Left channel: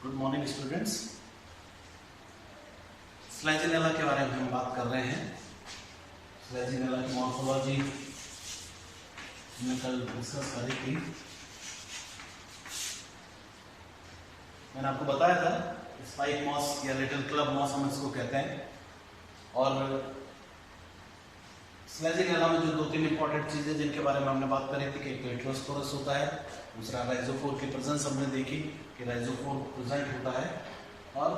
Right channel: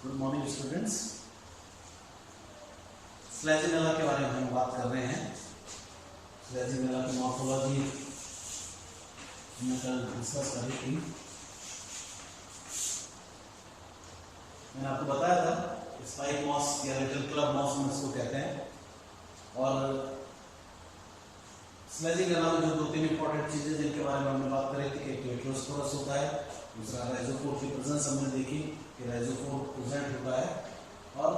Good morning students. स्लेजिनेला के बारे में हम बात कर रहे हैं। स्लेजिनेला की मॉर्फोलॉजी हमने कल डिस्कस करी थी। मैंने आपको बताया था स्पाइक मॉस या लिटिल क्लब मॉस हम इसको कहते हैं। और स्लेजिनेला में जो 2-3 इंपॉर्टेंट चीजें जिनके बारे में हमने बात करी थी कि एक लिटोस्पोरस होता है, दूसरा राइजोफोर की प्रेजेंस हमने देखी कि राइजोफोर प्रेजेंट होता है, और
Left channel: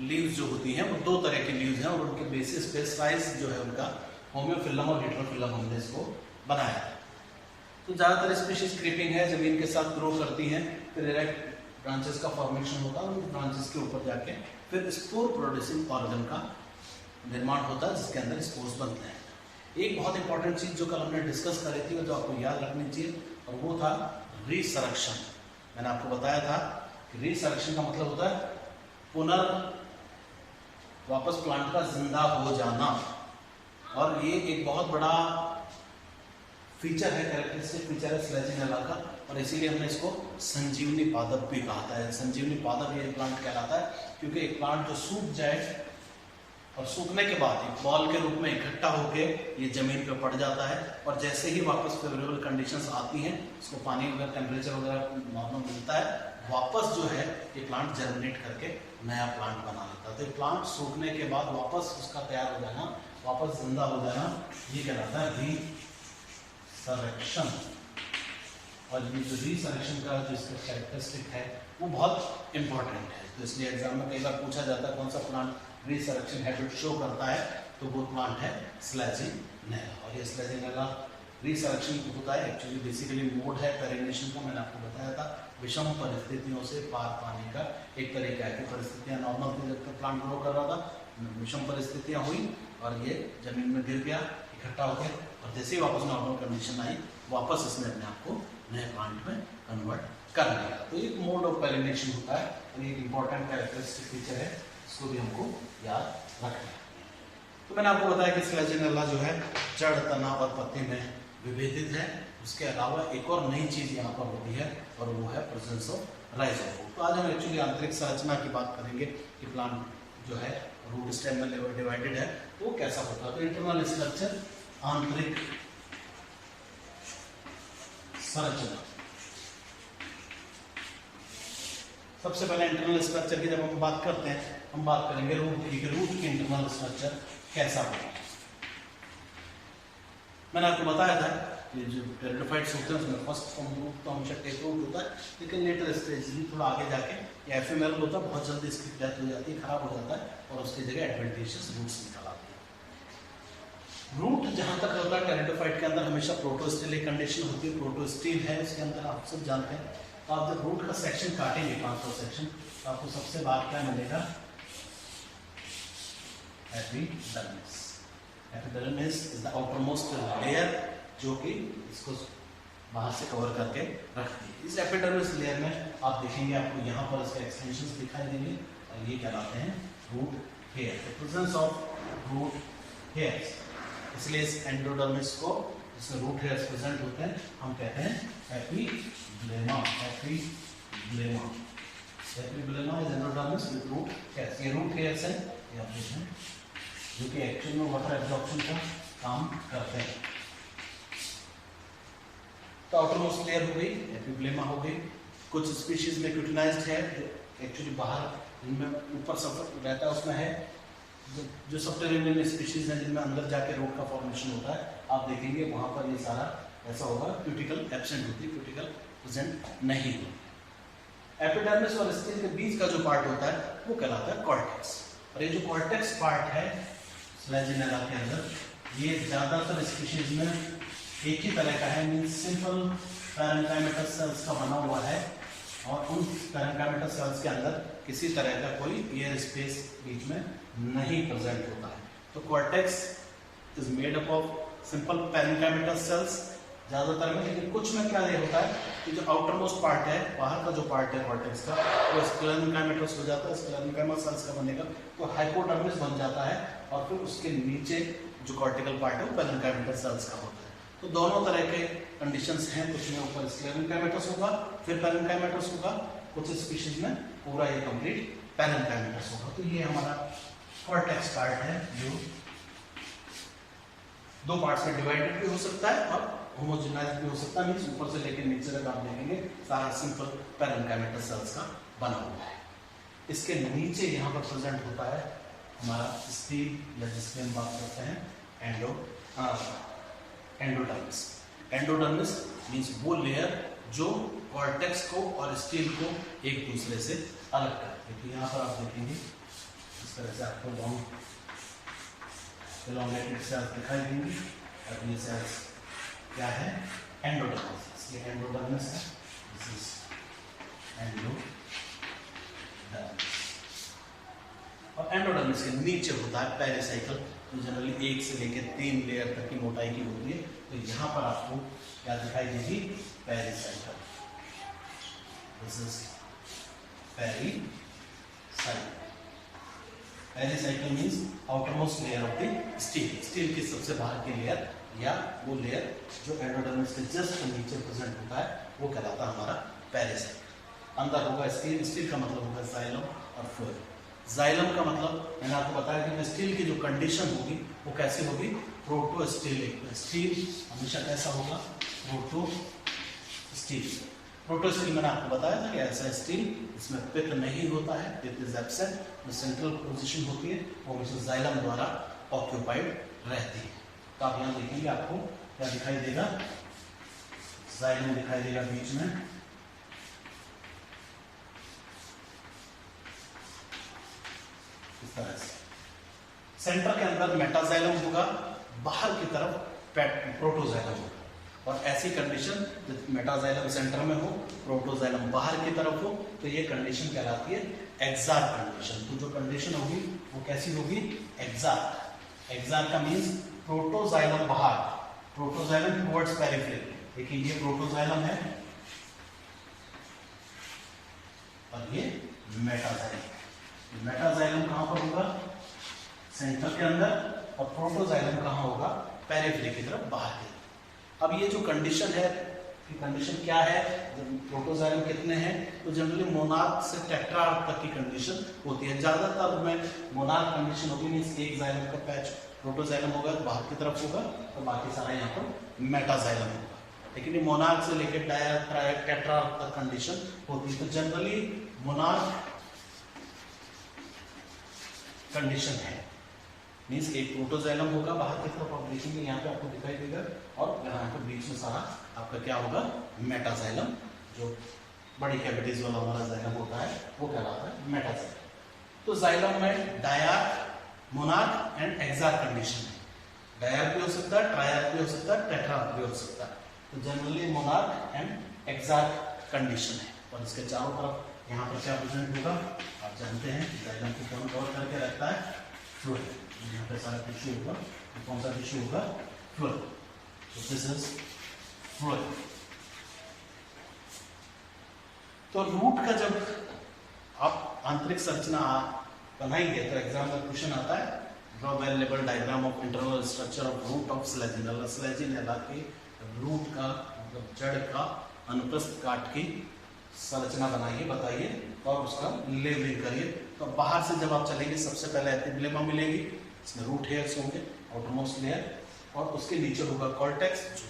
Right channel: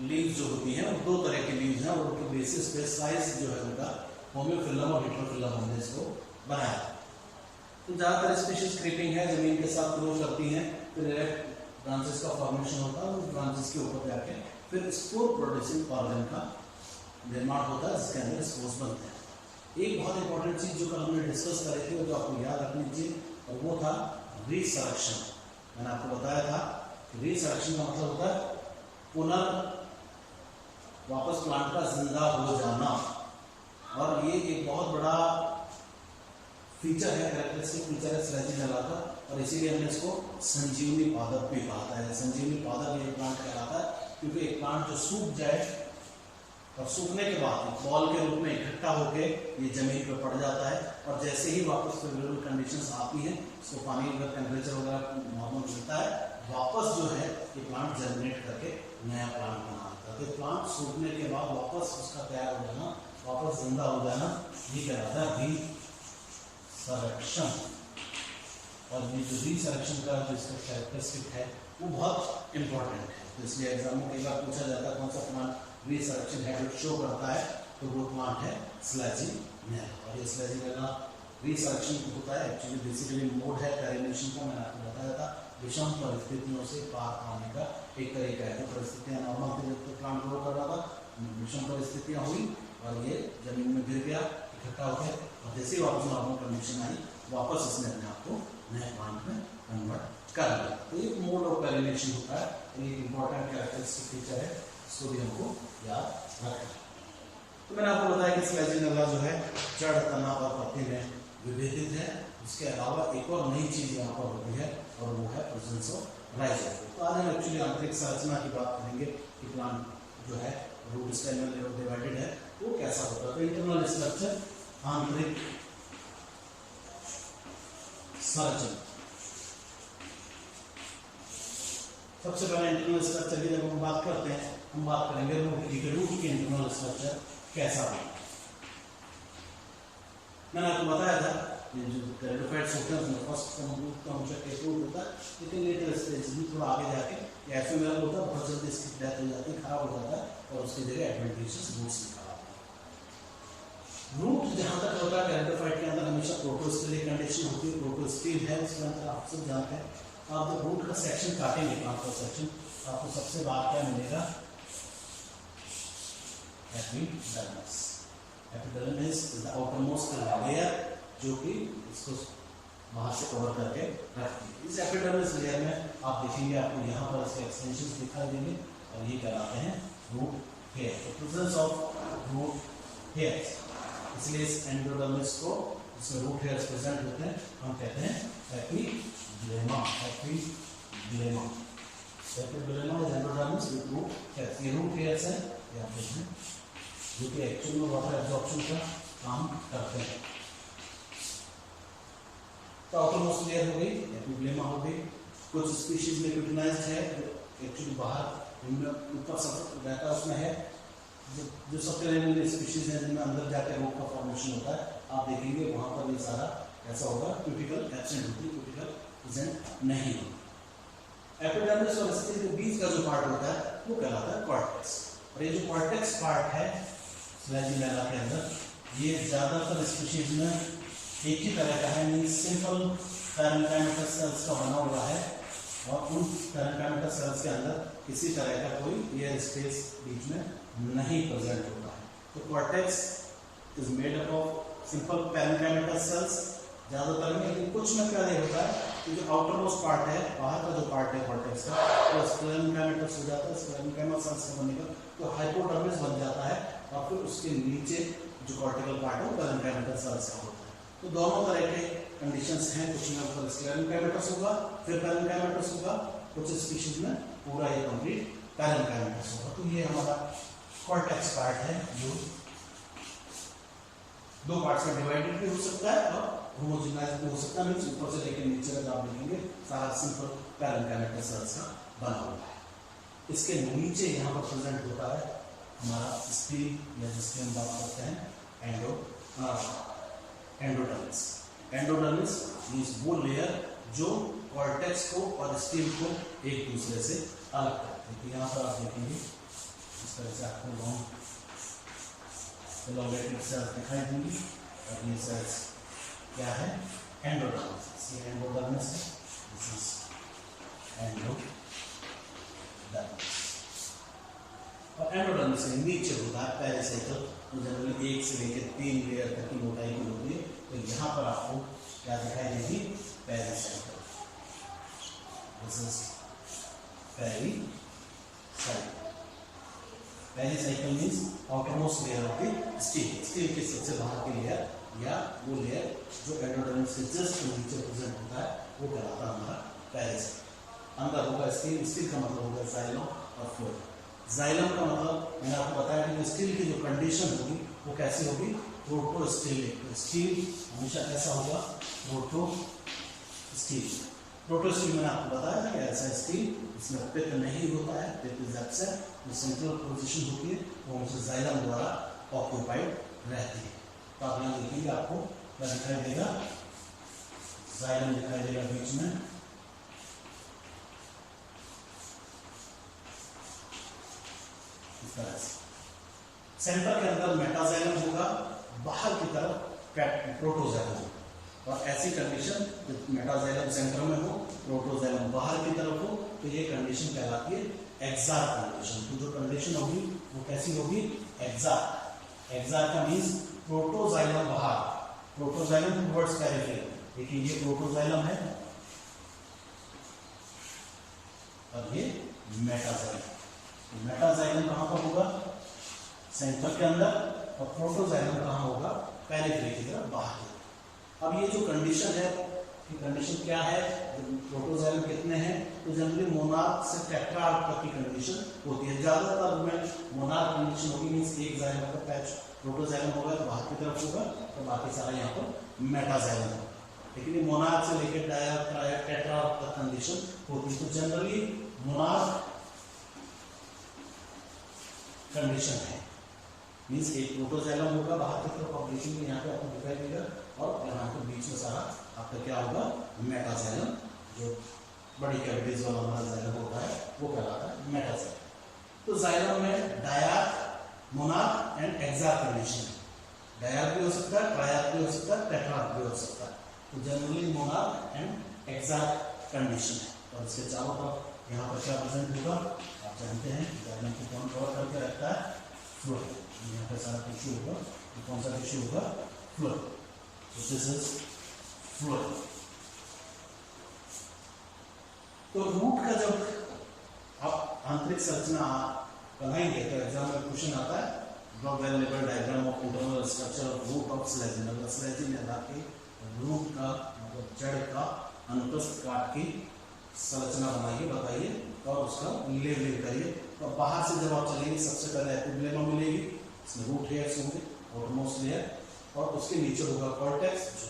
लीव्स जो होती हैं वो 2 तरह की लीव्स हैं और उनके बेसिस पे साइज जो है उनका होम्योफिलम और हेटेरोफिलम हमने इसको बनाया। तो ज़्यादातर स्पीशीज क्रीपिंग है, जमीन के साथ ग्रो करती हैं, फिर इरेक्ट ब्रांचेस का फॉर्मेशन होता है, उस ब्रांचेस के ऊपर जाके फिर स्पोर प्रोड्यूसिंग ऑर्गन का निर्माण होता है जिसके अंदर स्पोर्स बनते हैं। एक बहुत इंपॉर्टेंट चीज जो कल हमने डिस्कस करी थी और जो आपको याद रखनी चाहिए और वो था रीसरेक्शन। मैंने आपको बताया था कि रीसरेक्शन का मतलब होता है वापस प्लांट का जिंदा हो जाना, और ये एक बहुत बड़ा फीचर है, कैरेक्टरिस्टिक फीचर है स्लेजिनेला का, और इसीलिए हमने इसको संजीवनी पादप भी कहा था। संजीवनी पादप ये प्लांट कहलाता है क्योंकि एक प्लांट जो सूख जाए और सूखने के बाद बॉल के रूप में इकट्ठा होके ये जमीन पे पड़ जाता है, और जैसे ही वापस फेवरेबल कंडीशंस आती हैं, इसको पानी वगैरह टेम्परेचर वगैरह नॉर्मल मिलता है, वापस जो है ये प्लांट जर्मिनेट करके नया प्लांट बना लेता है। तो प्लांट सूखने के बाद वापस उसका तैयार हो जाना, वापस जिंदा हो जाना, ये कहलाता है रीसरेक्शन। और ये जो रीसरेक्शन का जो इसका कैरेक्टरिस्टिक है वो बहुत इंपॉर्टेंट है। तो इसलिए एग्जाम में कई बार पूछा जाता है कौन सा प्लांट रीसरेक्शन हैबिट शो करता है, तो वो प्लांट है स्लेजिनेला। और ये स्लेजिनेला रीसरेक्शन होता है एक्चुअली बेसिकली मोड है पेरिनेशन का। मैंने आपको बताया था विषम परिस्थितियों से पार पाने का एक तरीका है। परिस्थितियां नॉर्मल थी जब तक प्लांट ग्रो कर रहा था, विषम परिस्थितियां हुई और ये जमीन में गिर गया, इकट्ठा हो गया, और जैसे ही वापस नॉर्मल कंडीशन आई वापस इसने अपने आप को नए प्लांट में कन्वर्ट कर लिया। तो ये मोड ऑफ पेरिनेशन होता है, ये एक इंपॉर्टेंट कैरेक्टरिस्टिक फीचर है, इसको भी हमको याद रखना है। तो मैंने आपको बताया कि स्लेजिनेला जो है जड़, तना और पत्ते में विभेदित है। उसके अलावा एक और नई चीज यहाँ पर होती है और वो है प्रेजेंस ऑफ राइजोफोर। तो आज हम एक्चुअली आंतरिक संरचना की बात करेंगे कि प्लांट जो है रूट स्टेम में डिवाइडेड है वो कैसा होता है। तो इंटरनल स्ट्रक्चर, आंतरिक संरचना। सबसे पहले इंटरनल स्ट्रक्चर की जब हम बात करते हैं, हम बात करेंगे रूट की। रूट के इंटरनल स्ट्रक्चर कैसा होगा। मैंने आपको बताया था ये जो टेरिडोफाइट्स होते हैं उसमें फर्स्ट फॉर्म रूट तो हमेशा टेक रूट होता है, लेकिन लेटर स्टेज भी थोड़ा आगे जाके एफएमएल होता है, बहुत जल्दी इसकी डेथ हो जाती है, खराब हो जाता है, और उसकी जगह एडवेंटिशियस रूट्स निकल आते हैं। रूट जहां तक होता है टेरिडोफाइट के अंदर हमेशा प्रोटोस्टिलिक कंडीशन होती है, प्रोटोस्टिल है इसके अंदर, आप सब जानते हैं। तो आप जब रूट का सेक्शन काटेंगे, 500 सेक्शन, तो आपको सबसे बाद क्या मिलेगा, epidermis. Epidermis is the outermost layer जो कि इसको बाहर से कवर करके रखती है। इस एपिडर्मिस लेयर में आप देखेंगे आपको यहाँ पर इसके एक्सटेंशंस दिखाई देंगे, और ये कहलाते हैं root hair. The presence of root hairs, इसलिए इस एंडोडर्मिस को जिसमें रूट हेयर्स प्रेजेंट होते हैं हम कहते हैं epiblema. Epiblema, epiblema is endodermis with root hairs. ये रूट हेयर्स हैं, ये आप देखें, जो कि एक्चुअल में वाटर एब्जॉर्प्शन का काम करते हैं। तो आउटरमोस्ट लेयर हो गई, एपिब्लेमा हो गई। कुछ स्पीशीज में क्यूटिनाइज्ड है, एक्चुअली बाहर इनमें ऊपर सब रहता है, उसमें है जो सबटेरियन स्पीशीज है जिनमें अंदर जाके रूट का फॉर्मेशन होता है। आप देखेंगे वहां पर ये सारा ऐसा होगा, क्यूटिकल एब्सेंट होती है, क्यूटिकल प्रेजेंट नहीं होती। एपिडर्मिस और स्किन के बीच का जो पार्ट होता है वो कहलाता है कॉर्टेक्स। और ये जो कॉर्टेक्स पार्ट है स्लेजिनेला के अंदर, ये ज्यादातर स्पीशीज में एक ही तरह का है, मीन्स सिंपल पैरेन्काइमेटल सेल्स का बना हुआ है, और उन पैरेन्काइमेटल सेल्स के अंदर किसी तरह का कोई एयर स्पेस बीच में नहीं प्रेजेंट होता है। तो cortex is made up of simple parenchymatous cells ज्यादातर में, लेकिन कुछ में क्या होता है कि जो आउटरमोस्ट पार्ट है, बाहर का जो पार्ट है कॉर्टेक्स का, वो स्क्लेरेन्काइमेटस हो जाता है, स्क्लेरेन्काइमा सेल्स का बनेगा तो हाइपोडर्मिस बन जाता है, और फिर उसके नीचे जो कॉर्टिकल पार्ट है वो पैरेन्काइमेटल सेल्स का होता है। तो दोनों तरह के कंडीशंस हैं, कुछ में ऊपर स्क्लेरेंकाइमेटस होगा, फिर पैरेंकाइमेटस होगा, कुछ स्पीशीज में पूरा ये कंप्लीट पैरेंकाइमेटस होगा। तो ये हमारा कॉर्टेक्स पार्ट है जो दो पार्ट्स में डिवाइडेड भी हो सकता है और होमोजेनाइज भी हो सकता है, मींस ऊपर से लेकर नीचे तक आप देखेंगे सारा सिंपल पैरेंकाइमेटस सेल्स का बना हुआ है। इसके नीचे यहाँ पर प्रेजेंट होता है हमारा स्टील या जिसके हम बात करते हैं एंडोडर्मिस। एंडोडर्मिस मींस वो लेयर जो कॉर्टेक्स को और स्टील को एक दूसरे से अलग करती है। तो यहाँ पर आप देखेंगे इस तरह से आपको लॉन्ग एलोंगेटेड सेल्स दिखाई देंगी और ये सेल्स क्या है, एंडोडर्मिस। ये एंडोडर्मिस है, दिस इज एंडोडर्मिस। और एंडोडर्मिस के नीचे होता है पेरिसाइकल, जो जनरली 1 से लेकर 3 लेयर तक की मोटाई की होती है। तो यहाँ पर आपको क्या दिखाई देगी, pericycle. This is pericycle. Pericycle means outermost layer of the steel, steel की सबसे बाहर की लेयर या वो लेयर जो एंडोडर्मिस के जस्ट नीचे प्रेजेंट होता है, वो कहलाता है हमारा पेरिसाइकल। अंदर होगा स्टील, स्टील का मतलब होगा जाइलम और फ्लोएम। जाइलम का मतलब मैंने आपको बताया कि स्टील की जो कंडीशन होगी वो कैसी होगी, प्रोटोस्टीलिक। स्टील हमेशा कैसा होगा, प्रोटोस्टील। प्रोटोस्टील मैंने आपको बताया था कि ऐसा स्टील इसमें पित्त नहीं होता है, पित्त इज एब्सेंट। जो सेंट्रल पोजीशन होती है वो हमेशा जाइलम द्वारा ऑक्यूपाइड रहती है। तो आप यहाँ देखेंगे आपको क्या दिखाई देगा, जाइलम दिखाई देगा बीच में, इस तरह से। सेंटर के अंदर मेटाजाइलम होगा, बाहर की तरफ प्रोटोजाइलम होगा। और ऐसी कंडीशन जब मेटाजाइलम सेंटर में हो, प्रोटोजाइलम बाहर की तरफ हो, तो ये कंडीशन कहलाती है एक्सार्क कंडीशन। तो जो कंडीशन होगी वो कैसी होगी, एक्सार्क। एक्सार्क का मींस प्रोटोजाइलम बाहर, प्रोटोजाइलम टुवर्ड्स पेरिफेरी। देखिए ये प्रोटोजाइलम है और ये मेटाजाइलम। मेटाजाइलम कहां पर होगा, सेंटर के अंदर, और प्रोटोजाइलम कहां होगा, पेरिफेरी की तरफ बाहर की तरफ। अब ये जो कंडीशन है, ये कंडीशन क्या है, प्रोटोजाइलम कितने हैं, तो जनरली मोनार्क से टेट्रार्क तक की कंडीशन होती है। ज्यादातर में मोनार्क कंडीशन होगी, मींस एक जाइलम का पैच प्रोटोजाइलम होगा तो बाहर की तरफ होगा, और बाकी सारा यहाँ पर मेटाजाइलम होगा। लेकिन ये मोनार्क से लेकर डायर, ट्रायड, टेट्रार्क तक कंडीशन होती है। तो जनरली मोनार्क कंडीशन है, मींस एक प्रोटोजाइलम होगा बाहर की तरफ, आप देखेंगे यहाँ पे आपको दिखाई देगा, और यहाँ पे बीच में सारा आपका क्या होगा, मेटाजाइलम। जो बड़ी कैविटीज वाला हमारा जाइलम होता है वो कहलाता है मेटाजाइलम। तो जाइलम में डायआर्क, मोनार्क एंड एक्सार्क कंडीशन है। डायआर्क भी हो सकता है, ट्रायआर्क भी हो सकता है, टेट्रार्क भी हो सकता है। तो जनरली मोनार्क एंड एक्सार्क कंडीशन है। और इसके चारों तरफ यहाँ पर क्या प्रेजेंट होगा, आप जानते हैं जाइलम को कौन कवर करके रखता है, फ्लोएम। यहाँ पे सारा टिश्यू होगा, तो कौन सा टिश्यू होगा, फ्लोएम। तो दिस इज फ्लोएम। तो रूट का जब आप आंतरिक संरचना बनाएंगे तो एग्जाम में क्वेश्चन आता है, draw well label diagram of internal structure of root of Selaginella. Selaginella के रूट का मतलब जड़ का अनुप्रस्थ काट की संरचना बनाइए, बताइए और उसका लेबलिंग करिए। तो बाहर से जब आप चलेंगे सबसे पहले एपिब्लेमा मिलेगी, इसमें रूट हेयर्स होंगे, आउटरमोस्ट लेयर, और उसके नीचे होगा कॉर्टेक्स जो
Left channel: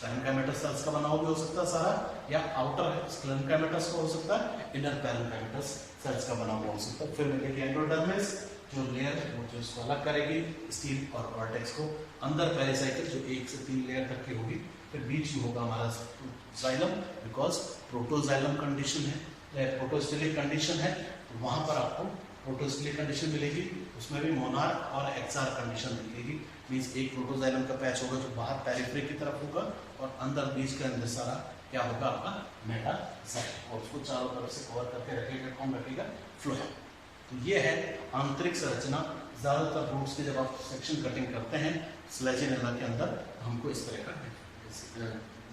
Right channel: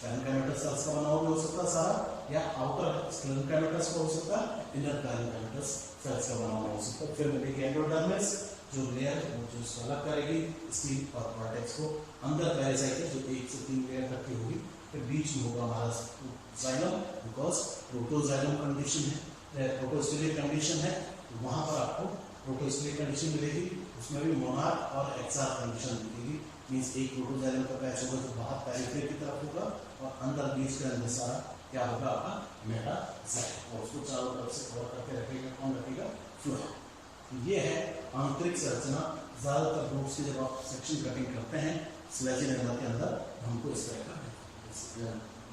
पैरेंकाइमेटस सेल्स का बना हुआ भी हो सकता है सारा, या आउटर पैरेंकाइमेटस का हो सकता है, इनर पैरेंकाइमेटस सेल्स का बना हुआ हो सकता है। फिर मिलेगी एंडोडर्मिस जो लेयर वो जो इसको अलग करेगी स्टील और कॉर्टेक्स को, अंदर पेरिसाइकिल जो 1 से 3 लेयर तक की होगी, फिर बीच में होगा हमारा जाइलम, बिकॉज प्रोटोजाइलम कंडीशन है, प्रोटोस्टिलिक कंडीशन है, वहां पर आपको प्रोटोस्टिलिक कंडीशन मिलेगी। उसमें भी मोनार्क और एक्सार्क कंडीशन मिलेगी, मींस एक प्रोटोजाइलम का पैच होगा जो बाहर पेरिफेरी की तरफ होगा, और अंदर बीच के अंदर सारा क्या होगा आपका मेटाजाइलम, और उसको चारों तरफ से कवर करके रखेगा, कौन रखेगा, फ्लोएम। ये है आंतरिक संरचना। ज्यादातर रूट्स की जब आप सेक्शन कटिंग करते हैं स्लेजिनेला के अंदर, तो हमको इस तरह का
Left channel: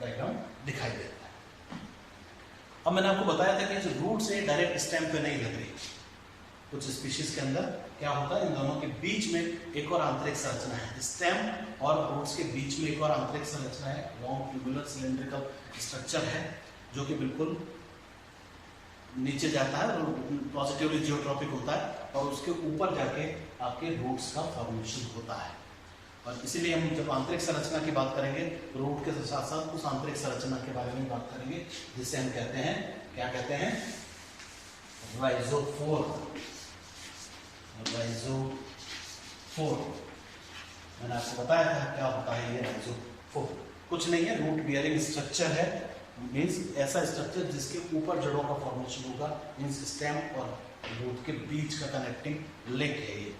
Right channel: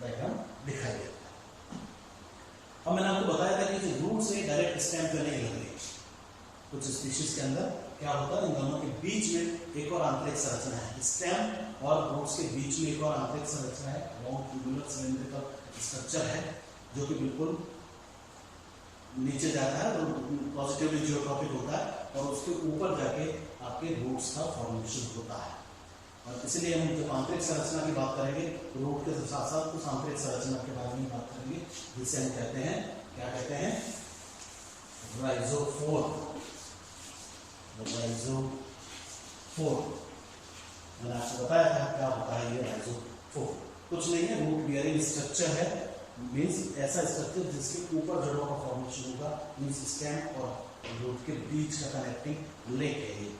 डायग्राम दिखाई देता है। अब मैंने आपको बताया था कि जो रूट से डायरेक्ट स्टेम पे नहीं लग रही, कुछ स्पीशीज के अंदर क्या होता है, इन दोनों के बीच में एक और आंतरिक संरचना है। स्टेम और रूट्स के बीच में एक और आंतरिक संरचना है, लॉन्ग ट्यूबुलर सिलेंड्रिकल स्ट्रक्चर है जो कि बिल्कुल नीचे जाता है और पॉजिटिवली जियोट्रॉपिक होता है और उसके ऊपर जाके आपके रूट्स का फॉर्मेशन होता है। और इसीलिए हम जब आंतरिक संरचना की बात करेंगे रूट के साथ साथ उस आंतरिक संरचना के बारे में बात करेंगे जिसे हम कहते हैं, क्या कहते हैं, राइजोफोर। राइजोफोर मैंने आपको बताया था क्या होता है ये राइजोफोर। कुछ नहीं है, रूट बियरिंग स्ट्रक्चर है, मीन्स ऐसा स्ट्रक्चर जिसके ऊपर जड़ों का फॉर्मेशन होगा, मीन्स स्टेम और रूट के बीच का कनेक्टिंग लिंक है ये।